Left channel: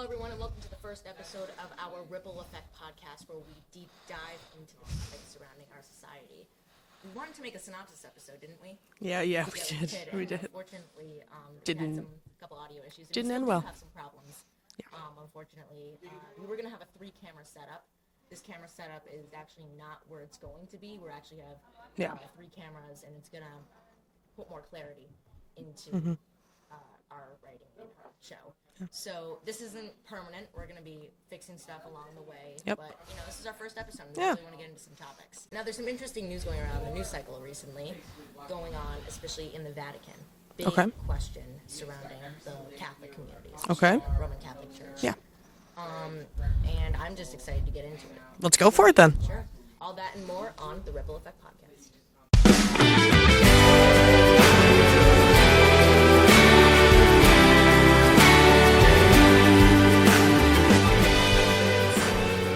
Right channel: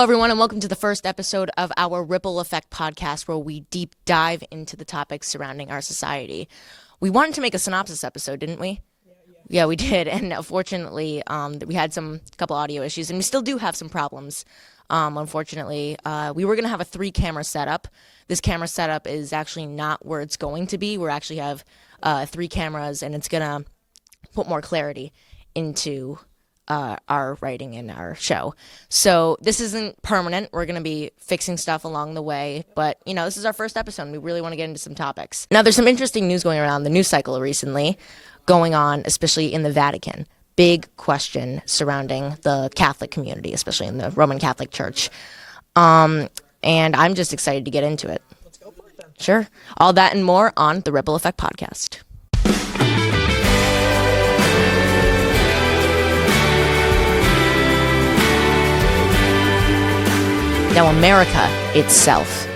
Hello, everyone, and welcome to the first episode of our Ripple Effect podcast, where we deep dive into the topics surrounding our society. We wanted to make a synopsis episode, didn't we? Yeah, we did. And unfortunately, we had couple audio issues, and we still do have some problems. Unfortunately, we were going to have a 3-camera setup. This camera setup is actually not where it's going to be. We actually have 3 cameras, and it's going to put more clarity into our writing and our show. So this isn't permanent. We're going to be fixing stuff along the way. Yep. But, this is our first episode, and we really want to get into some topics. Now, there's some interesting news going around the news cycle recently going on, especially in the Vatican. Big question surrounding the Catholic community, especially in the Roman Catholic Church. Yeah. And I'm just excited to get into it. Let's go for it then. Sure. All that and more on the Ripple Effect podcast. Now, America itself,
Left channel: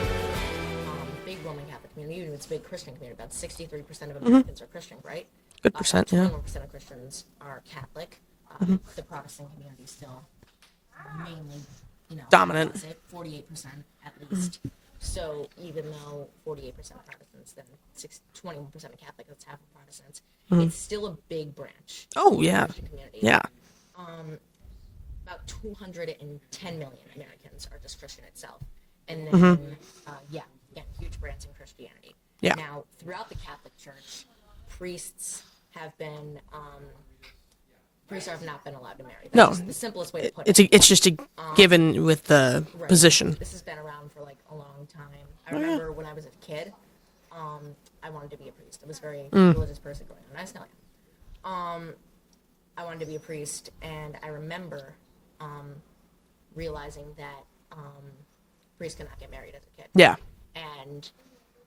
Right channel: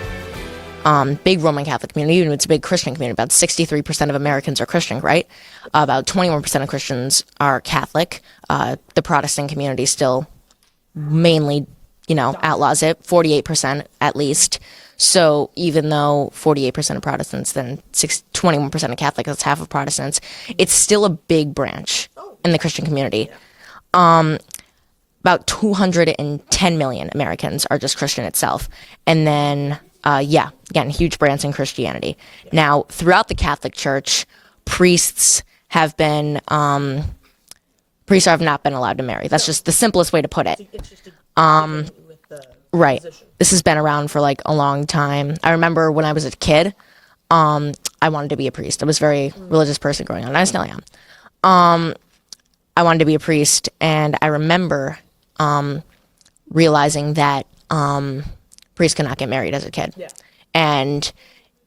big Roman Catholic community, even it's a big Christian community. About 63% of Americans are Christian, right? About 21% of Christians are Catholic. The Protestant community still mainly, Dominant. outlaws it, 48% at least. So even though 48% of Protestants, then 21% of Catholics, that's half of Protestants, it's still a big branch in the Christian community. Yeah. About 210 million Americans are just Christian itself. And then, again, huge branch in Christianity. Yeah. Now, throughout the Catholic Church, priests have not been allowed to marry. That's just the simplest way to put it. It's just a given with the position. This has been around for like a long time. I remember when I was a kid, I wanted to be a priest. I was a very religious person growing up, and I still am. I wanted to be a priest, and I remember realizing that priests cannot get married as a kid. Yeah. And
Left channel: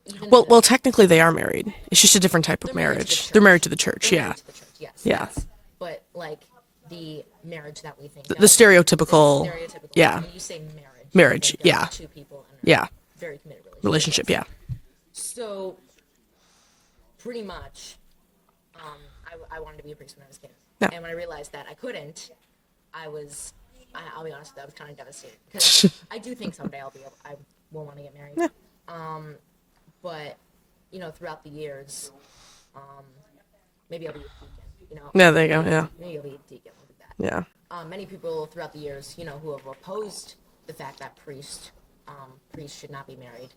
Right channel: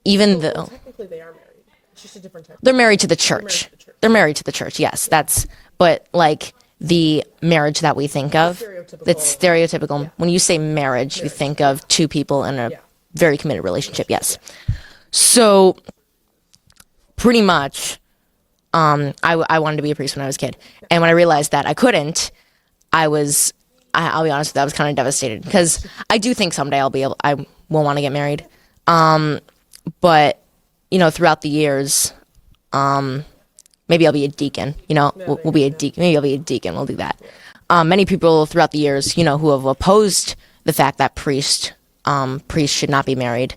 even well, technically they are married. It's just a different type of They're married marriage. to the church. They're married to the church. They're married to the church, yes. Yeah. But like the marriage that we think of. The stereotypical. Yeah. When you say marriage, you think of two people in a very committed relationship. Yes. Yeah. So pretty much, I wanted to be a priest when I was a kid. Yeah. And when I realized that I couldn't, I'll be honest with you, I was kind of devastated, because I do think someday I will want to get married. Yeah. But, throughout the years, maybe I'll be a deacon, Maybe I'll be a deacon. We'll do that. Yeah. Many people throughout the years, who have opposed the fact that priests should not be married,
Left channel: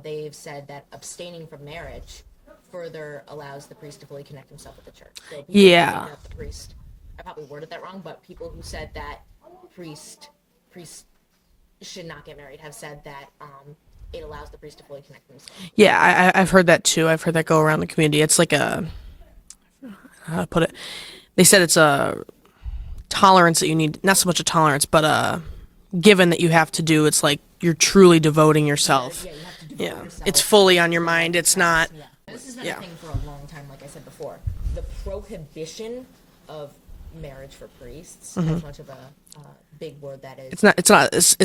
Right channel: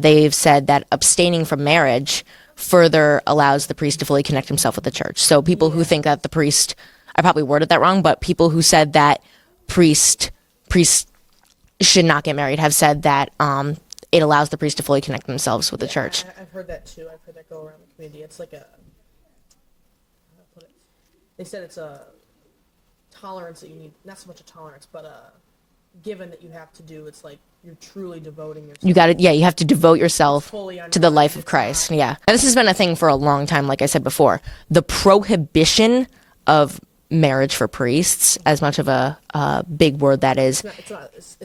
they've said that abstaining from marriage further allows the priest to fully connect himself with the church. So people who think that the priest, I probably worded that wrong, but people who said that priests should not get married have said that it allows the priest to fully connect themselves with the church. Yeah, I've heard that too. I've heard that go around the community. It's like how to put it? They said it's a tolerance that you need, not so much a tolerance, but given that you have to do. It's like you're truly devoting yourself. You have to devote yourself. It's fully on your to the mind. life of Christ. And this has been a thing for a long time, like I said before. The prohibition of marriage for priests, as much of a big word that is. It's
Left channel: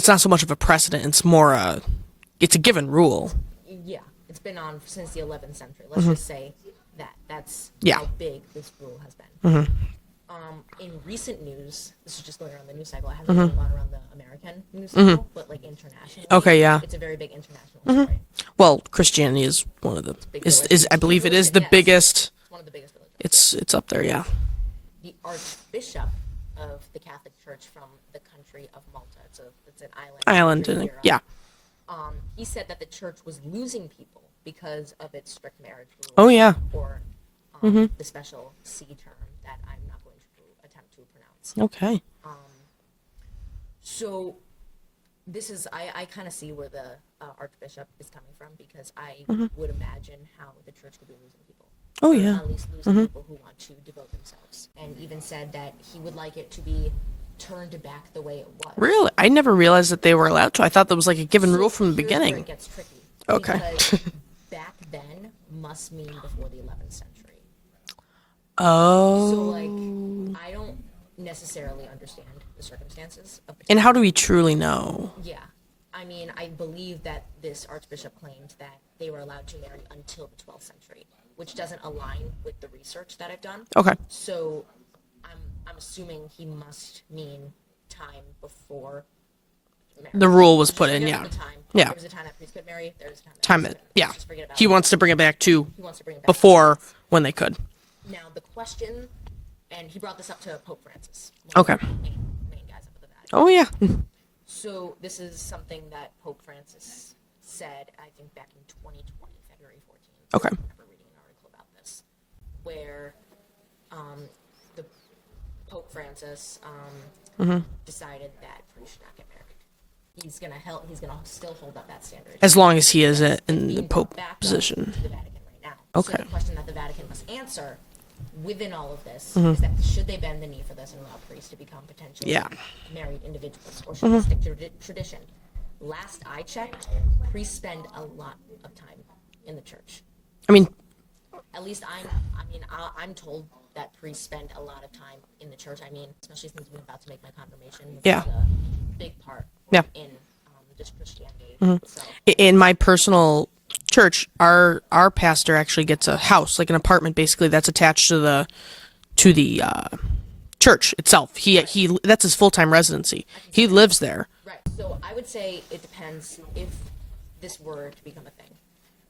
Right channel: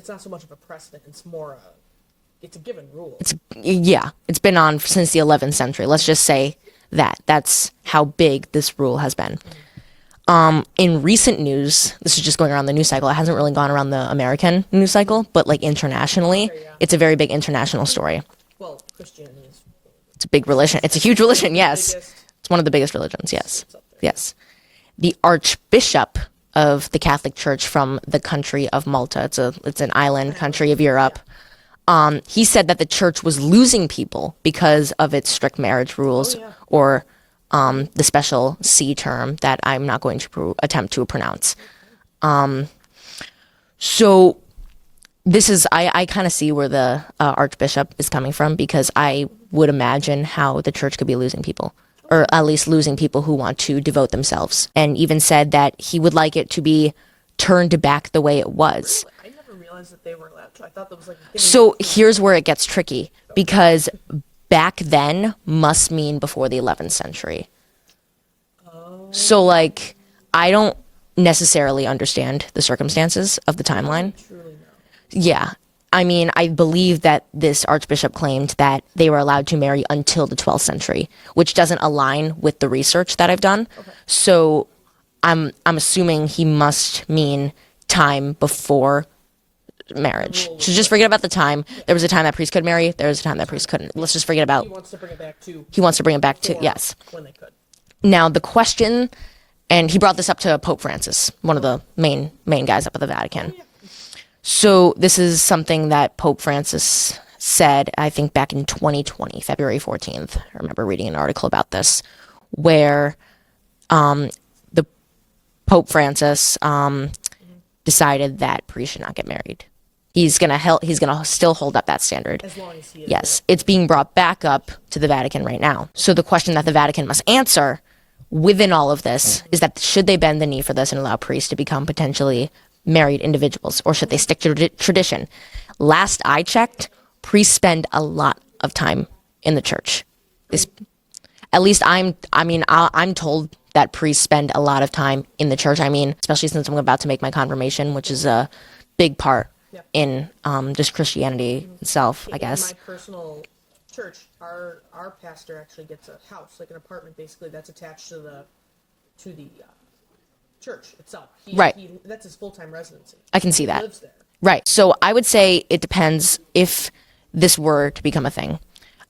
not so much of a precedent. It's more it's a given rule. It's been on since the 11th century. Let's just say that. That's how big this rule has been. In recent news, this is just going around the news cycle. It hasn't really gone around the American news cycle, but like internationally, it's a very big international story. Well, Christianity is one of the. It's a big religion. It's a huge religion. It's the biggest. It's one of the biggest religions. It's up there. Yes. Yeah. The Archbishop of the Catholic Church from the country of Malta. It's an island country of Europe. Yeah. He said that the church was losing people because of its strict marriage rules. Oh, yeah. Or the special C term that I'm not going to attempt to pronounce. Okay. So this is, I kind of see where the Archbishop is coming from, because I would imagine how the church could be losing people. At least losing people who want to devote themselves. And even said that he would like it to be turned back the way it was. Really? I never realized that they were allowed to. I thought that was like a given rule from the here's beginning. Where it gets tricky, because back then must mean before the 11th century. Oh. So like, I don't necessarily understand the circumstances of the timeline. And how do we truly know? Yeah. I mean, I believe that this archbishop claimed that they were allowed to marry until the 12th century, which doesn't align with the research that I've done. Okay. So I'm assuming he must mean time before marriage. The rule was so just put in, forget about yeah. the time. Yeah. There was a time that priests could marry. There was a time that priests couldn't. Yeah. Let's just forget about. He wants to bring it back to He wants to bring it back before to yes. when they could. Now the question, and he brought this up to Pope Francis, one of Okay. the main guys up at the Vatican. Oh yeah. So this is something that Pope Francis said, I think back in 2020, February 14th. Okay. I remember reading an article about this, where the Pope Francis decided that priests should not get married. He's gonna still hold up that standard. As long as he is. Yes, in it's being the brought Pope back position. up to the Vatican right now. So the question that the Vatican must answer within all of this is that should they bend the knee for this and allow priests to become potentially married individuals, or should they stick to tradition? Last I checked, priests spend a lot of time in the church. I mean, At least I'm told that priests spend a lot of time in the church. I mean, especially since I'm about to make my confirmation, which is a big part in just Christianity itself. I in guess. my personal church, our pastor actually gets a house, like an apartment, basically that's attached to the church itself. He that's his full-time residency. I can see he that. lives there. Right. So I would say it depends if this were to become a thing.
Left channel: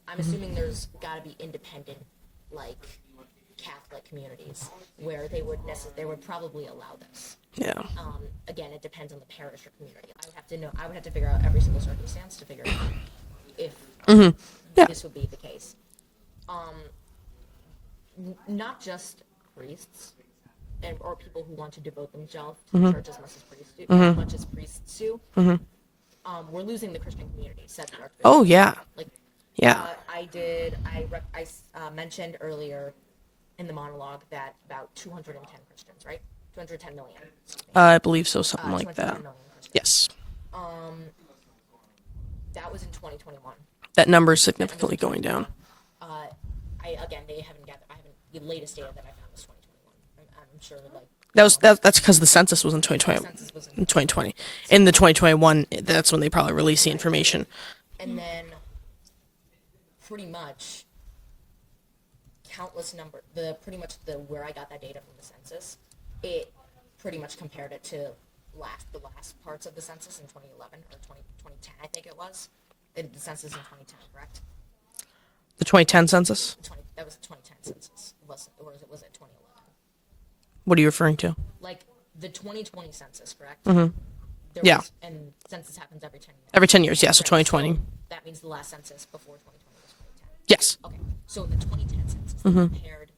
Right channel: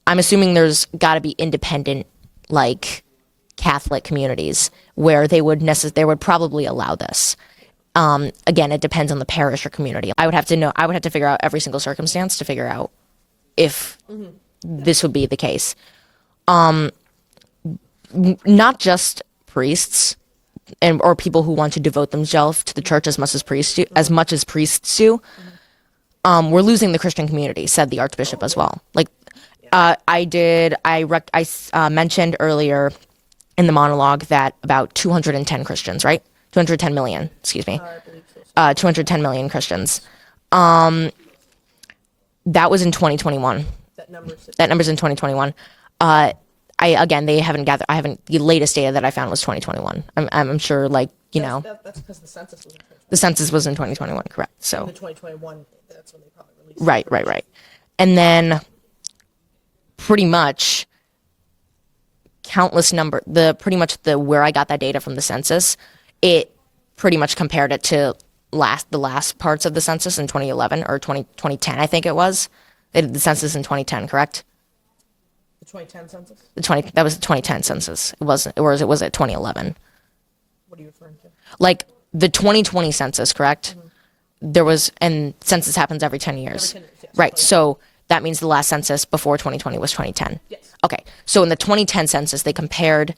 I'm assuming there's got to be independent, like Catholic communities where they would probably allow this. Yeah. Again, it depends on the parish or community. I would have to figure out every single circumstance to figure out if this would be the case. Not just priests or people who want to devote themselves to the church as much as priests do. We're losing the Christian community, said the Archbishop as well. Like, I mentioned earlier in the monologue that about 210 Christians, right? 210 million, excuse me. I believe so. 210 million Christians. That was in 2021. That number's in 2021. They haven't gathered. The latest data that I found was 2021. I'm sure, like, that's because the census was in 2020. The census was in 2020. Correct. In the 2021, that's when they probably released the information. Right. And then, pretty much, where I got that data from the census, it pretty much compared it to the last parts of the census in 2011 or 2010, I think it was. They did the census in 2010, correct? The 2010 census? That was the 2010 census. It wasn't, or was it 2011? What are you referring to? Like the 2020 census, correct? There was, and census happens every 10 years. Every 10 years, yes. Right. 2020. So that means the last census before 2020 was 2010. Yes. Okay. So in the 2010 census, they compared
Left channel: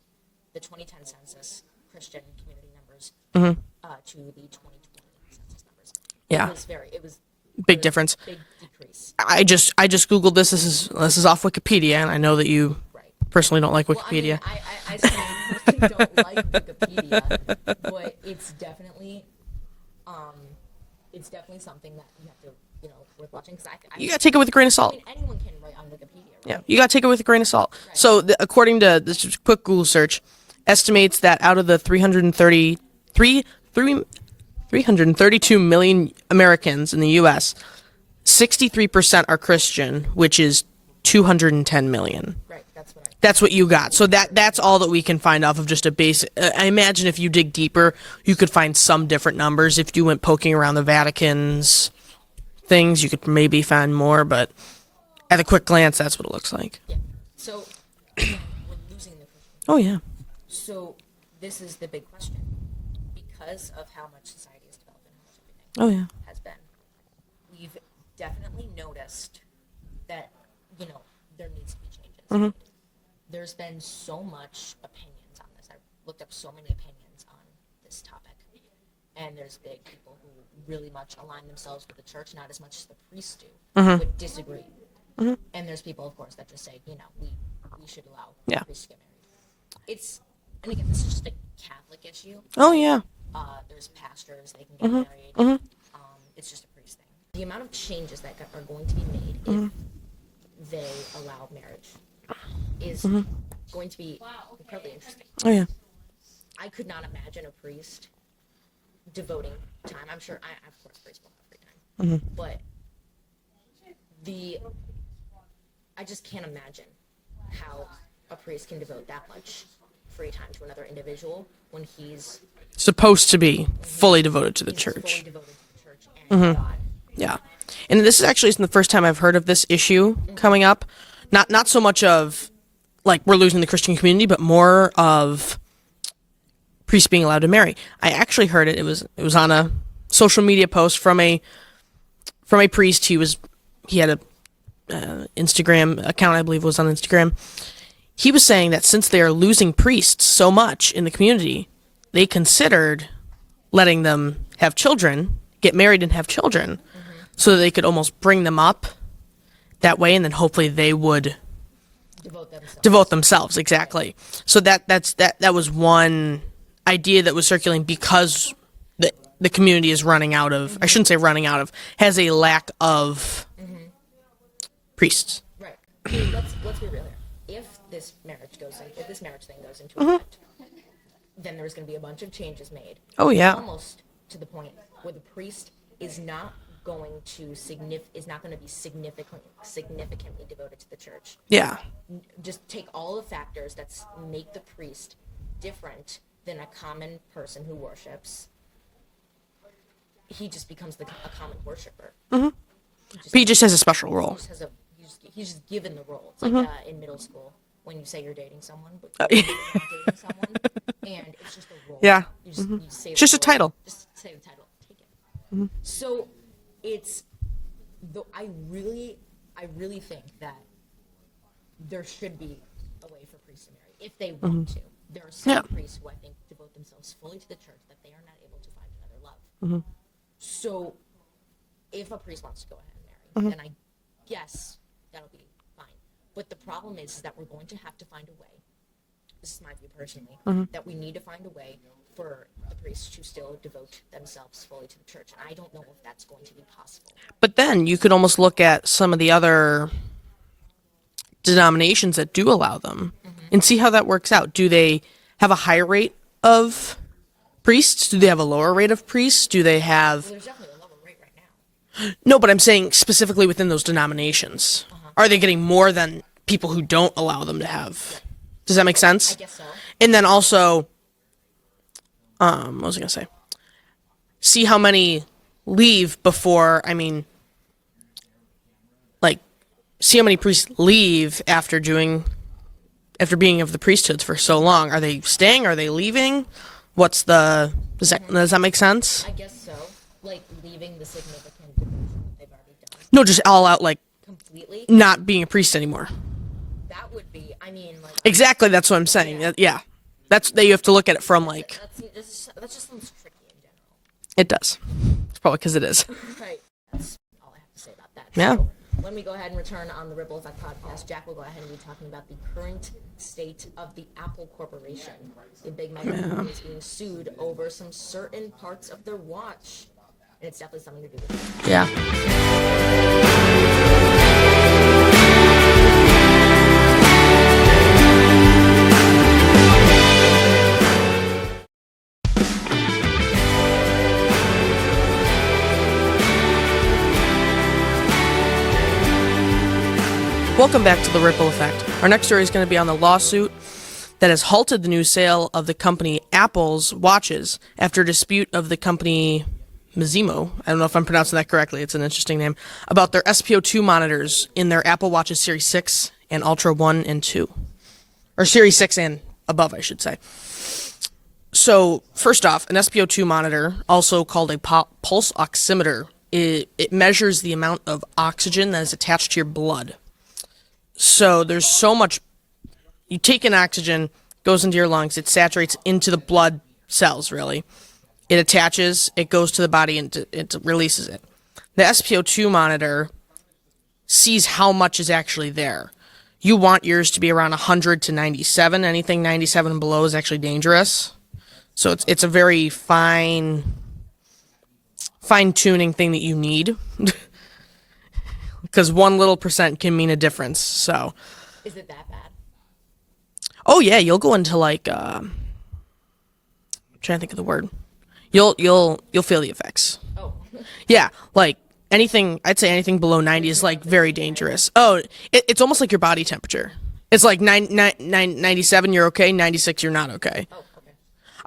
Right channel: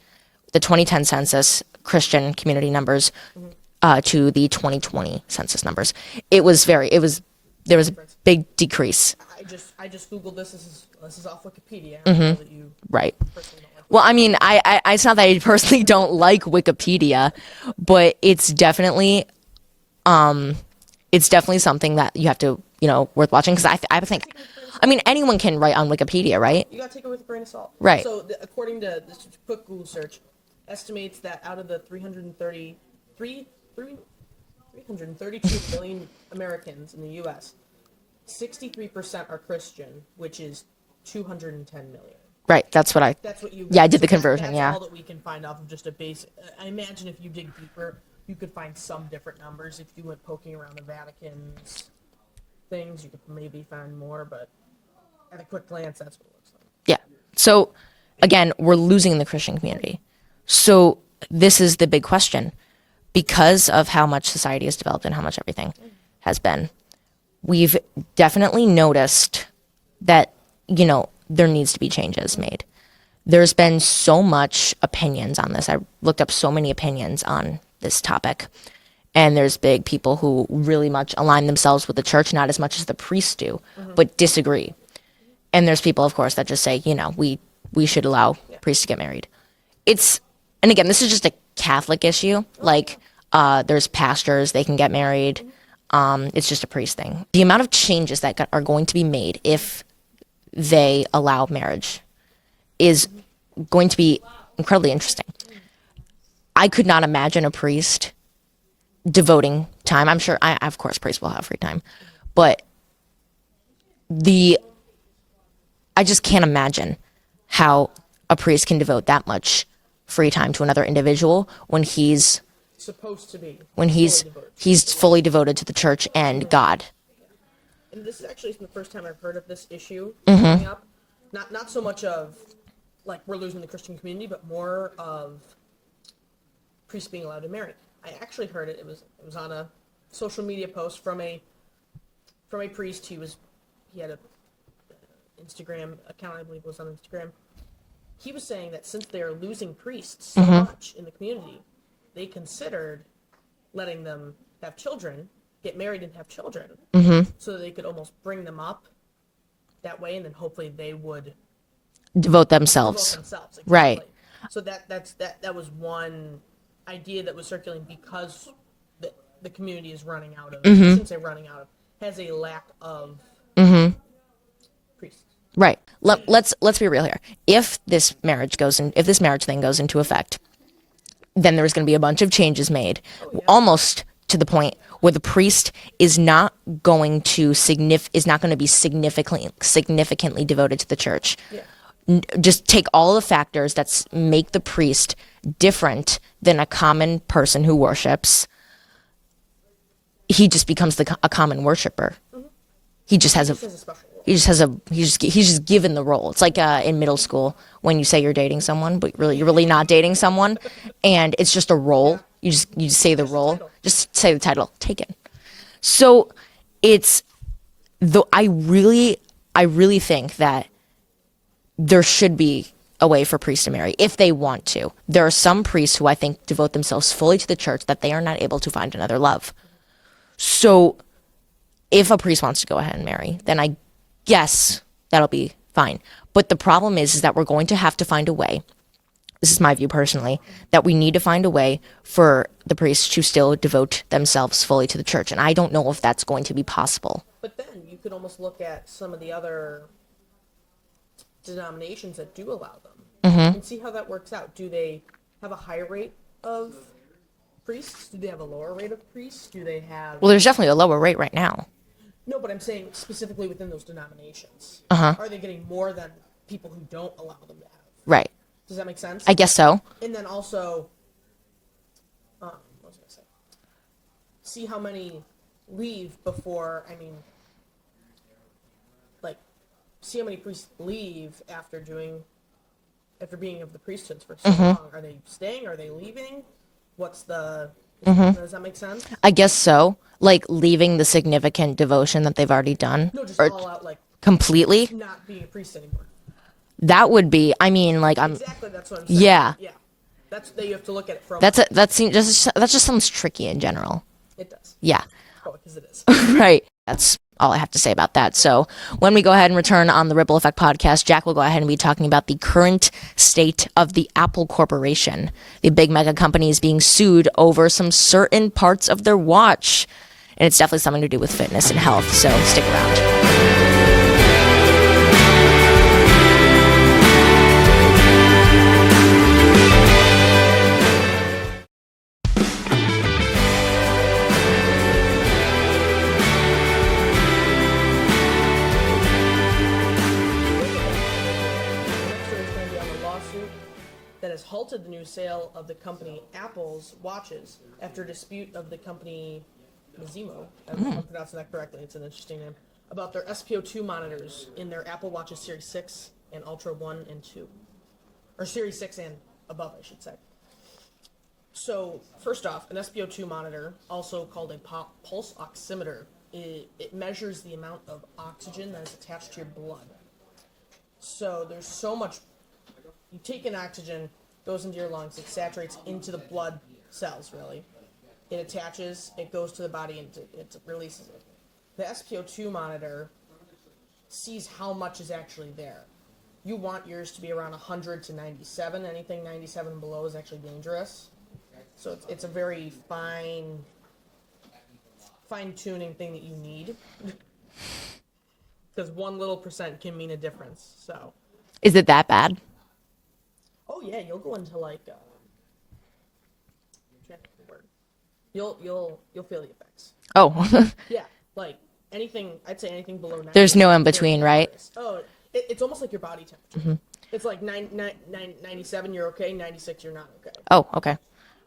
the 2010 census Christian community numbers to the 2020 census numbers. It was big difference. Big decrease. I just Googled this. This is off Wikipedia, and I know that you personally don't like Wikipedia. Well, I mean, it's not that I personally don't like Wikipedia, but it's definitely something that you have to, worth watching, because I you gotta take it with a grain of salt. I mean, anyone can write on Wikipedia, right? You gotta take it with a grain of salt. Right. So according to this quick Google search, estimates that out of the 332 million Americans in the U.S., 63% are Christian, which is 210 million. Right. That's what you got. Yeah, I did So the conversion, that's all that we can find off of just a basic. I imagine if you dig deeper, you could find some different numbers. If you went poking around the Vatican's things, you could maybe find more. But at a quick glance, that's what it looks like. Yeah. So again, we're losing the Christian community. Oh, yeah. So this is the big question. Because of how much society has developed and how much everything has been, we've definitely noticed that, there needs to be changes made. There's been so much opinions on this. I looked up so many opinions on this topic. And there's big people who really much align themselves with the church, not as much as the priests do, but disagree. And there's people, of course, that just say, we should allow priests to get married. And again, this is just a Catholic issue. There's pastors, they can get married. It's just a priest thing. The amount of changes that are going to be made if they allow marriage is going to be incredibly interesting. I could not imagine a priest devoting time. I'm sure, of course, priests will have free time. But I just can't imagine how a priest can devote that much free time to another individual when he's supposed to be fully devoted to the church. He's fully devoted to the church and God. Yeah. and this is actually the first time I've heard of this issue coming up. Not so much of like we're losing the Christian community, but more of priests being allowed to marry. I actually heard it. It was on a social media post from a priest. He had a Instagram account, I believe it was on Instagram. He was saying that since they are losing priests so much in the community, they considered letting them have children, get married and have children, so that they could almost bring them up that way, and then hopefully they would Devote themselves. Exactly. Right. So that was one idea that was circulating because the community is running out of, I shouldn't say running out of, has a lack of priests. Right. Let's be real here. If this marriage thing goes into effect, then there's going to be a bunch of changes made. Oh, yeah. Almost to the point where the priest is not going to be significantly devoted to the church. Yeah. Just take all the factors that make the priest different than a common person who worships. He just becomes a common worshiper. He just has a special role. He's just given the role. It's like in middle school when you say you're dating someone, but you're really not dating someone, and it's just a role. Yeah. You just say the Just a role. title. Just say the title. Take it. So it's I really think that there should be a way for priests to marry if they want to. There are some priests who I think devote themselves fully to the church that they are not able to find another love. So if a priest wants to go ahead and marry, then I guess that'll be fine. But the problem is that we're going to have to find a way. This is my view personally, that we need to find a way for the priests to still devote themselves fully to the church. And I don't know if that's going to be possible. But then you could almost look at some of the other denominations that do allow them and see how that works out. Do they have a higher rate of priests? Do they have a lower rate of priests? Do they have... Well, there's definitely a lower rate right now. No, but I'm saying specifically within those denominations. Are they getting more than people who don't allow them to have? Right. Does that make sense? I guess so. And then also, what was I going to say? See how many leave before, see how many priests leave after being of the priesthoods for so long. Are they staying? Are they leaving? Does that make sense? I guess so. Like leaving the significant devotion that they've already done. No, just all out, like completely. not being a priest anymore. That would be. Exactly. That's what I'm saying. Yeah. Yeah. That you have to look at it from. That just sounds tricky in general. It does. Yeah. It's probably because it is. Right. That's all I have to say about that. Yeah. So when we go ahead and return on the Ripple Effect podcast, Jack will go ahead and be talking about the current state of the Apple Corporation. The big mega company is being sued over some certain parts of their watch. And it's definitely something to do with fitness and health. So stick around. Welcome back to the Ripple Effect. Our next story is going to be on the lawsuit that has halted the new sale of the company Apple's watches after a dispute of the company Mizimo, I don't know if I'm pronouncing that correctly, it's an interesting name, about their SPO2 monitors in their Apple Watches Series 6 and Ultra 1 and 2. Or Series 6 and above, I should say. So, first off, an SPO2 monitor, also called a pulse oximeter, it measures the amount of oxygen that is attached to your blood. So there's so much, you take in oxygen, goes into your lungs, it saturates into the blood cells, really. It attaches, it goes to the body, and it releases it. The SPO2 monitor sees how much is actually there. You want yours to be around 100 to 97. Anything 97 and below is actually dangerous. So it's a very fine-tuning thing that you need. Because 1 little percent can mean a difference. So, is it that bad? Oh yeah, you'll go into like I'm trying to think of the word. You'll feel the effects. Oh. Yeah, like anything. I'd say anything below 90 There's is no like in between, very dangerous. Right? Oh, it's almost like your body temperature. It's like 97, you're okay. 96, you're not okay. Oh, okay.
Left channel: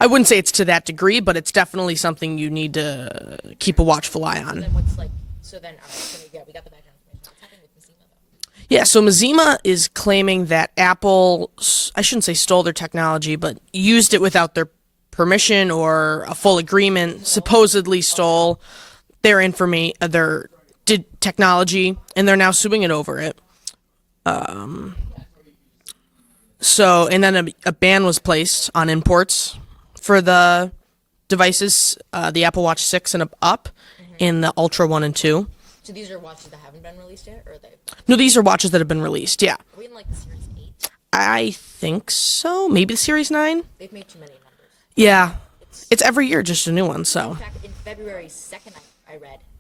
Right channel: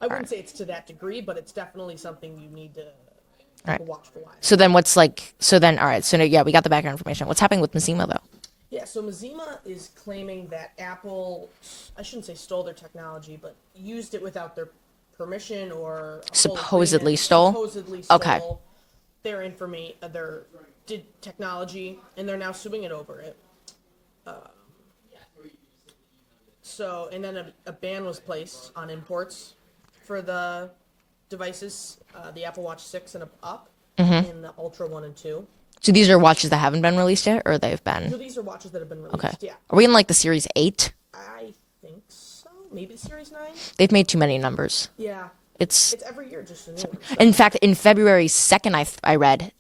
I wouldn't say it's to that degree, but it's definitely something you need to keep a watchful eye on. So then what's like? So then, all right. So yeah, we got the background information. What's happening with Mazima though? Yeah, so Mazima is claiming that Apple, I shouldn't say stole their technology, but used it without their permission or a full agreement. Supposedly stole their information, their technology, and they're now suing it over it. So, and then a ban was placed on imports for the devices, the Apple Watch 6 and up, and the Ultra 1 and 2. So these are watches that haven't been released yet, or they've been? No, these are watches that have been released, yeah. Are we in like the Series 8? I think so. Maybe the Series 9? They've made too many numbers. Yeah. It's every year just a new one. So in fact, in February 2nd, I read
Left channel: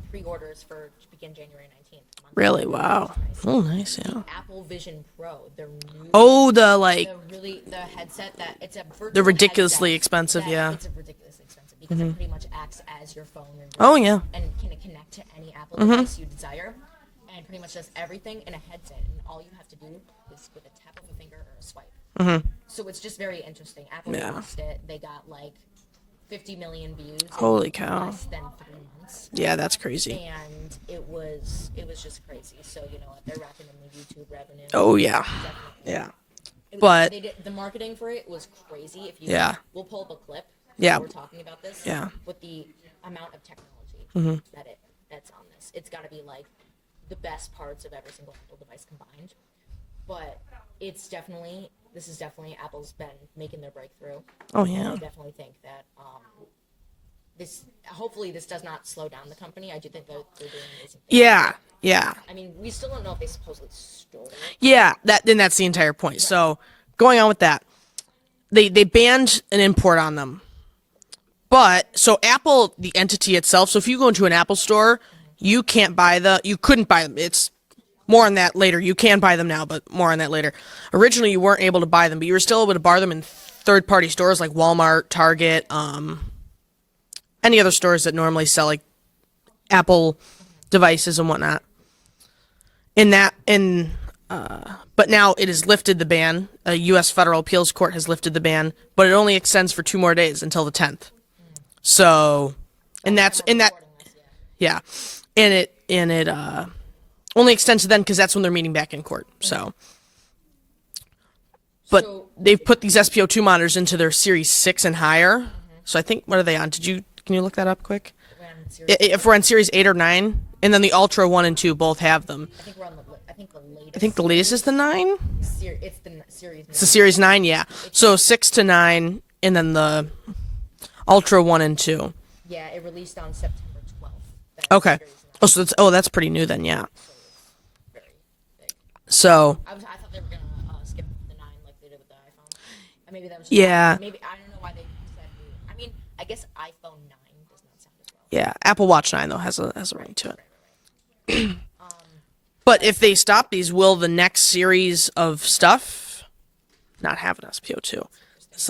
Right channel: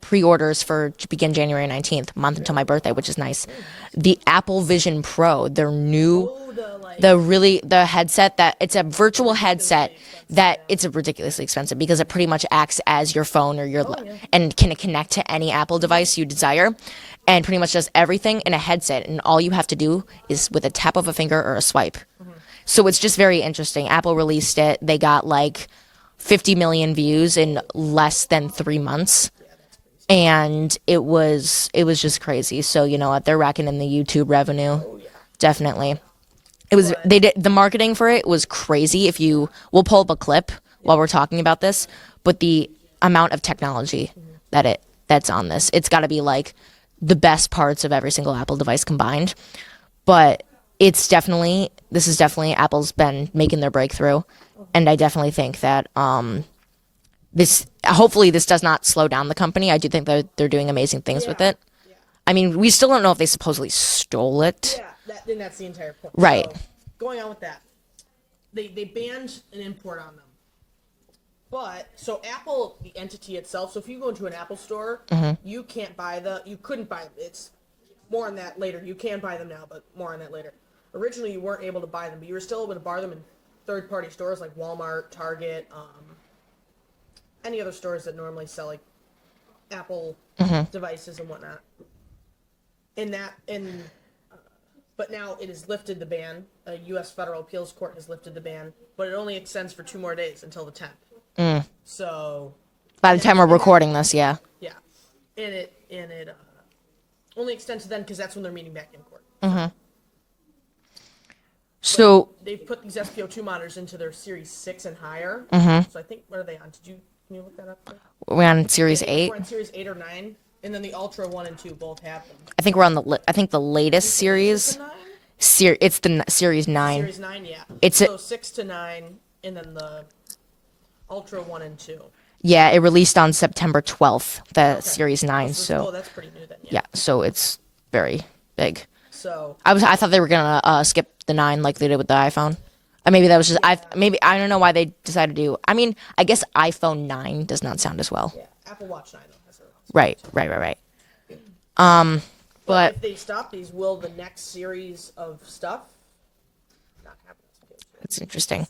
pre-orders to begin January 19th, month to my birthday, which is nice. Oh, nice. The Apple Vision Pro, their new the headset that it's a virtual ridiculously headset expensive. that Yeah. it's ridiculously expensive because it pretty much acts as your phone or your and can connect to any Apple device you desire. And pretty much does everything in a headset, and all you have to do is with a tap of a finger or a swipe. So it's just very interesting. Apple released it; they got like 50 million views in less than 3 months. Yeah, that's crazy. And it was just crazy. So you know what? They're racking in the YouTube revenue. Oh yeah, definitely. Yeah. It was they did the marketing for it was crazy. If you we'll pull up a clip while we're talking about this. Yeah. But the amount of technology that's on this, it's got to be like the best parts of every single Apple device combined. But this is definitely Apple's been making their breakthrough. Oh, yeah. And I definitely think that hopefully this does not slow down the company. I do think that they're doing amazing things with it. Yeah. I mean, we still don't know if they supposedly stole it. Yeah, that's the entire point. Right. So going on with that, they banned an import on them. But so Apple, the entity itself, so if you go into an Apple store, you couldn't buy them. It's more on that later. You can buy them now, but more on that later. Originally, you weren't able to buy them, but you were still able to buy them in third-party stores like Walmart, Target, any other stores that normally sell like Apple devices and whatnot. But now it has lifted the ban. A U.S. federal appeals court has lifted the ban, but it only extends for 2 more days until the 10th. So by the time we're recording this, yeah, and it only extends to then because that's when they're meeting back in court. So they've put these SPO2 monitors into their Series 6 and higher. So I think, what are they on? Can you look that up quick? We're on Series 8. If we're on Series 8 or 9, and then the Ultra 1 and 2 both have them. I think we're on the latest I think the series. latest is the 9? It's the Series 9. It's the Series 9, yeah. So 6 to 9, and then the Ultra 1 and 2. Yeah, it released on September 12th, Series 9. That's pretty new then, yeah. Yeah, so it's very big. So I thought they were going to skip the 9 like they did with the iPhone. Maybe that was just, I don't know why they decided to do. I mean, I guess iPhone 9 does not sound as well. Yeah, Apple Watch 9 though has a right to it. Right. But if they stop these, will the next series of stuff not have an SPO2? It's interesting.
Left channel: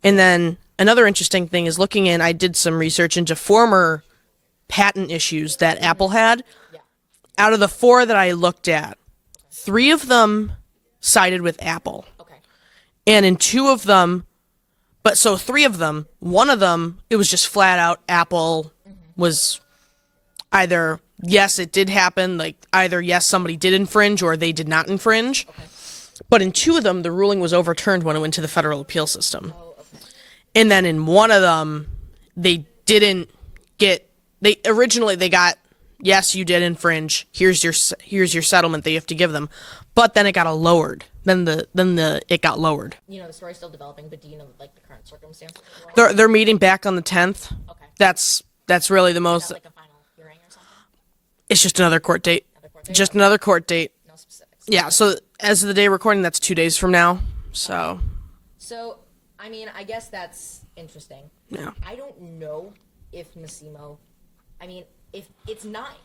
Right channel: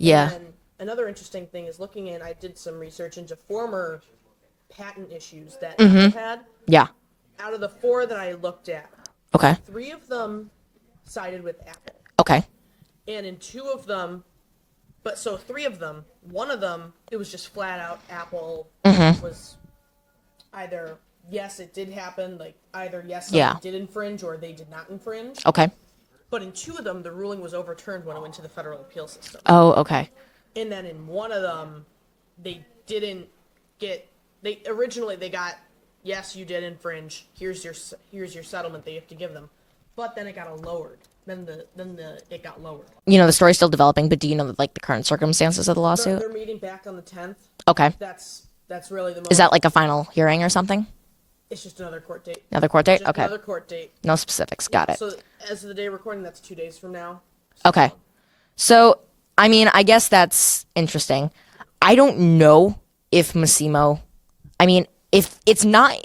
And then another interesting thing is I did some research into former patent issues that Apple had. Yeah. Out of the 4 that I looked at, 3 of them sided with Apple. Okay. And in 2 of them, 3 of them, 1 of them, it was just flat out Apple was either, yes, it did happen, like either, yes, somebody did infringe or they did not infringe. Okay. But in 2 of them, the ruling was overturned when it went to the federal appeal system. Oh, okay. And then in 1 of them, they got, yes, you did infringe. Here's your settlement that you have to give them. But then it got lowered. It got lowered. You know, the story's still developing, but do you know the current circumstances of the lawsuit? They're meeting back on the 10th. Okay. That's really the most. Is that like a final hearing or something? It's just another court date. Another court date? Just another court date. No specifics. Yeah. So as of the day recording, that's 2 days from now. So. Okay. So, I mean, I guess that's interesting. Yeah. I don't know if Massimo, I mean, if it's not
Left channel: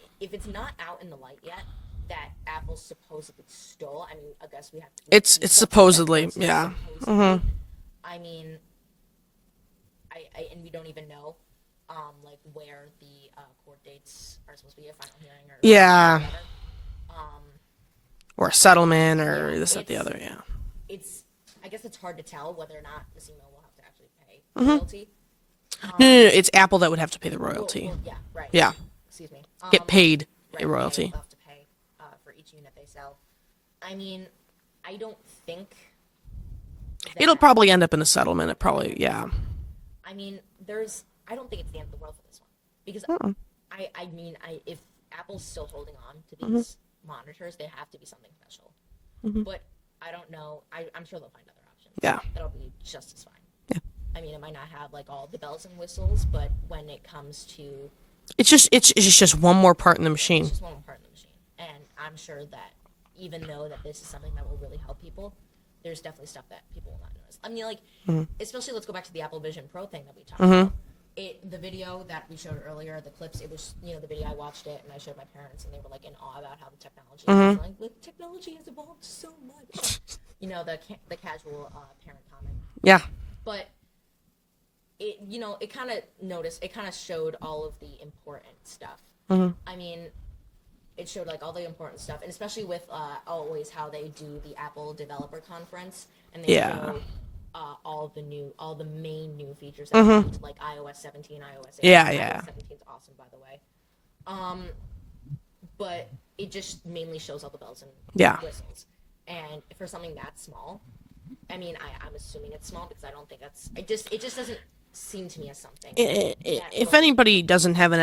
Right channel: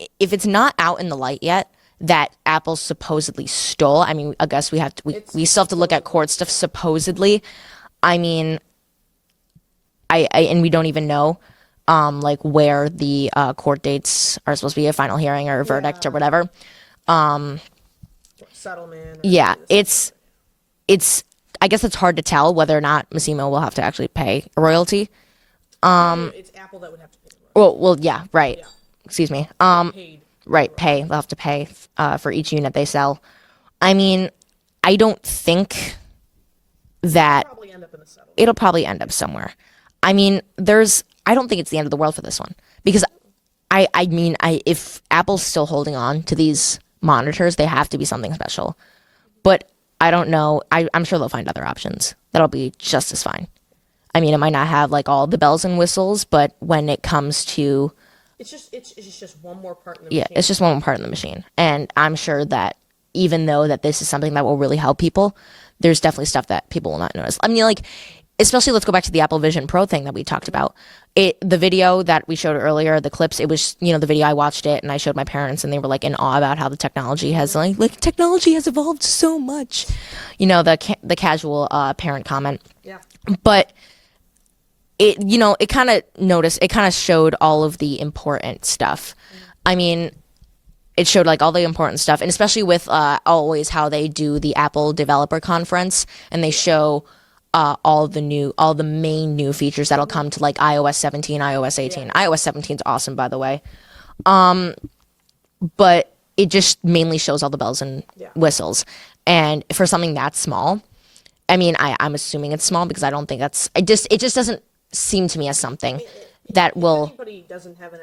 out in the light yet that Apple supposedly stole, I mean, I guess we still have to look at court stuff. Supposedly, I mean, and we don't even know, where the court dates are supposed to be, a final hearing or a verdict or whatever, or a settlement or it's I guess it's hard to tell whether or not Massimo will have to actually pay a royalty. No, it's Apple that would have to pay the Well, royalty. yeah, right. Yeah. Excuse me. Get paid. Right, the pay. royalty. They'll have to pay for each unit they sell. I mean, I don't think that It'll probably end up in a settlement. it'll probably end yeah. up somewhere. I mean, I don't think it's the end of the world for this one because I mean, if Apple's still holding on to these monitors, they have to be something special. But I don't know. I'm sure they'll find other options. Yeah. That'll be just as fine. Yeah. I mean, it might not have like all the bells and whistles, but when it comes to It's just one more part in the machine. it's just one more part in the machine. And I'm sure that even though that this is something that will really help people, there's definitely stuff that people will not notice. I mean, like, especially let's go back to the Apple Vision Pro thing that we talked about. The video that we showed earlier, the clips, it was, the video, I watched it and I showed my parents and they were like in awe about how the technology has like technology has evolved so much. The casual parent comment. yeah. But it kind of showed all of the important stuff. I mean, it showed like all the important stuff, and especially with always how they do the Apple Developer Conference, and they show all the main new features that'll come to like iOS 17, iOS 18. Yeah. iOS 17 is awesome, by the way. But it just mainly shows all the bells and whistles, and for something that small, I mean, I'm assuming it's small because I don't think that's. It just doesn't seem to me as something that If will. anybody doesn't have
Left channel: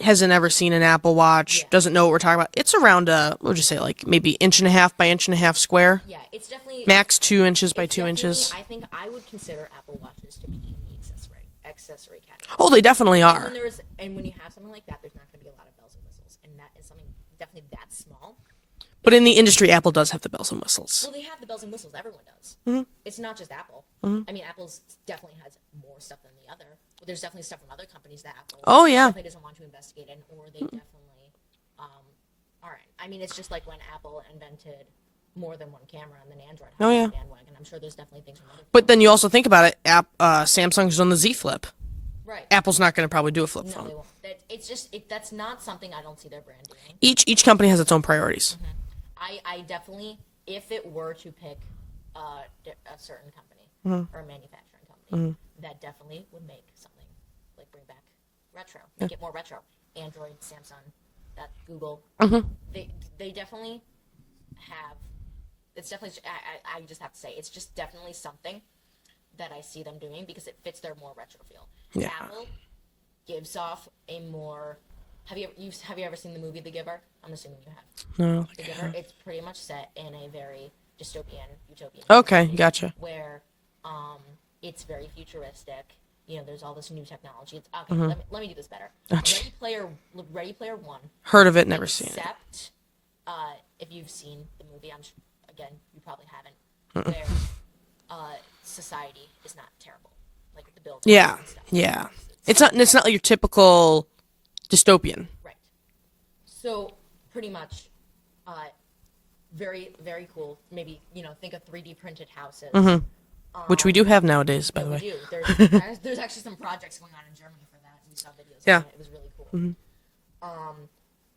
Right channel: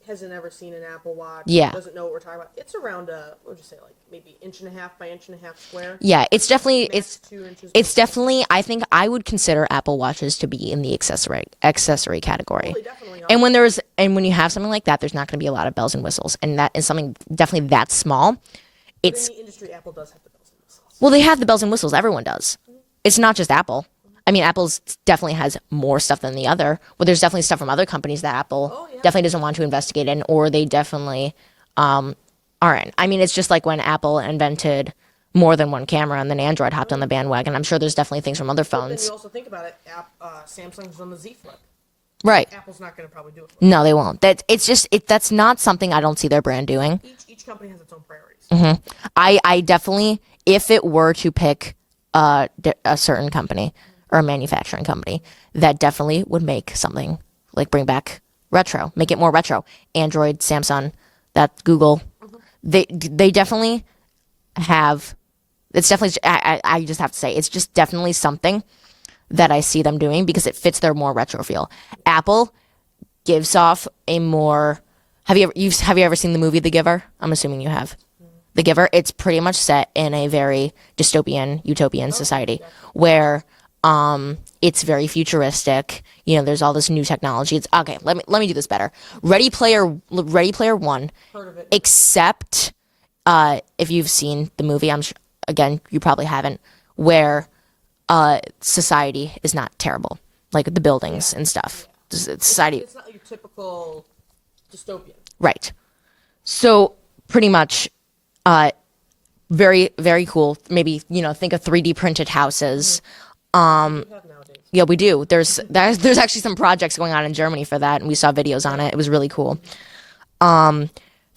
hasn't ever seen an Apple Watch, doesn't know what we're talking about, it's around we'll just say like maybe 1.5 by 1.5 square. Yeah, it's definitely Max 2 inches by 2 It's definitely. inches. I think I would consider Apple Watches to be in the accessory category. Oh, they definitely are. and when you have something like that, there's not going to be a lot of bells and whistles, and that is something definitely that small. but in the industry, Apple does have the bells and whistles. Well, they have the bells and whistles. Everyone does. It's not just Apple. I mean, Apple's definitely has more stuff than the other. Well, there's definitely stuff from other companies that Apple definitely doesn't want to investigate in, or they definitely aren't. I mean, it's just like when Apple invented more than one camera and then Android hopped on the bandwagon. I'm sure there's definitely things from other phones. But then you also think about it, Samsung's on the Z Flip. right. Apple's not going to probably do a flip. No, they won't. That's not something I don't see their brand doing. Each company has its own priorities. I definitely, if it were to pick a certain company or a manufacturing company, that definitely would make something like bring back retro, make it more retro. Android, Samsung, that Google, they definitely have. It's definitely. I just have to say, it's just definitely something that I see them doing because it fits their more retro feel. Apple gives off a more. Have you ever seen the movie The Giver? I'm assuming you have. No. The Giver. It's pretty much set in a very dystopian, utopian society gotcha. where it's very futuristic. There's all this new technology. It's okay. Let me do this better. Ready Player One. Heard of it, never seen Except if you've seen the movie, I'm sure, again, you probably haven't, where society is not terrible, like the buildings and stuff. Yeah. It's It's not like your typical dystopian. right. So pretty much, very very cool. Maybe think of 3D printed houses. Which we do have nowadays. by Yeah, the we way. do. There's actually some projects going on in Germany for that, and we saw videos on Yeah. it. It was really cool.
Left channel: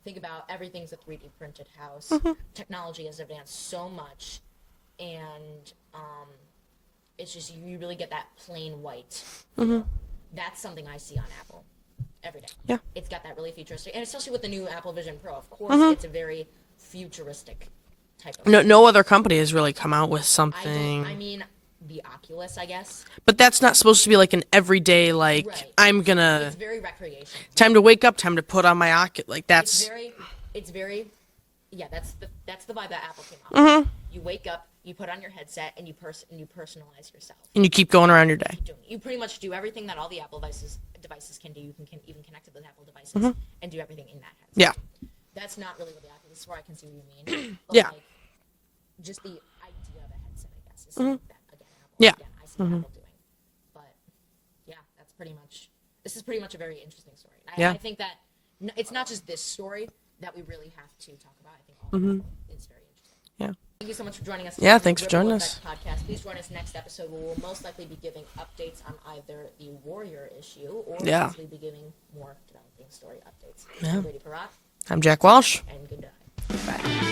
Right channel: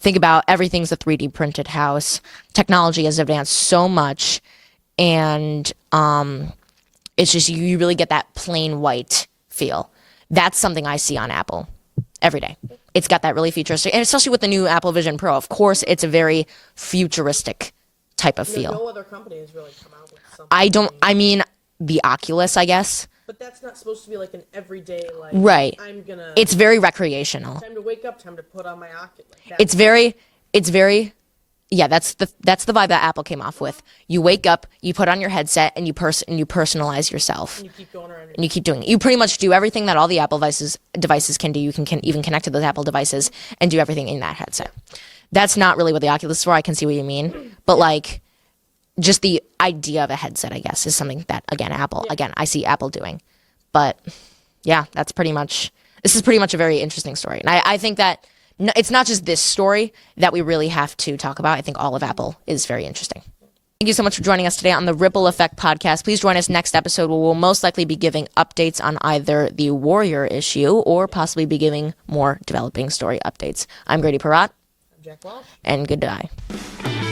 Think about everything's a 3D printed house. Technology has advanced so much, and it's just you really get that plain white feel. That's something I see on Apple every day. Yeah. It's got that really futuristic, and especially with the new Apple Vision Pro. Of course, it's a very futuristic type of feel. No other company has really come out with something. I mean, the Oculus, I guess. But that's not supposed to be like an everyday like. Right. I'm gonna. It's very recreational. time to wake up. Time to put on my Oculus. Like that's. It's very. Yeah, that's the vibe that Apple came off with. You wake up, you put on your headset, and you personalize yourself. You keep going around your. You keep doing it. You pretty much do everything that all the Apple devices can do. You can even connect to those Apple devices and do everything in that headset. Yeah. That's not really what the Oculus is for. I can see what you mean, but like, just the idea of a headset, I guess, is something that I see Apple doing. But yeah, that's pretty much. This is pretty much a very interesting story, and I think that. No, it's not just this story that we really have to talk about. I think all of Apple is very interesting. Yeah. Thank you so much for joining us today on the thanks for Ripple joining Effect podcast. Please join us next episode where we'll most likely be giving updates on either the Warrior issue or possibly be giving more developing story updates. I'm Grady Perrott. I'm Jack Walsh. And goodbye. Bye.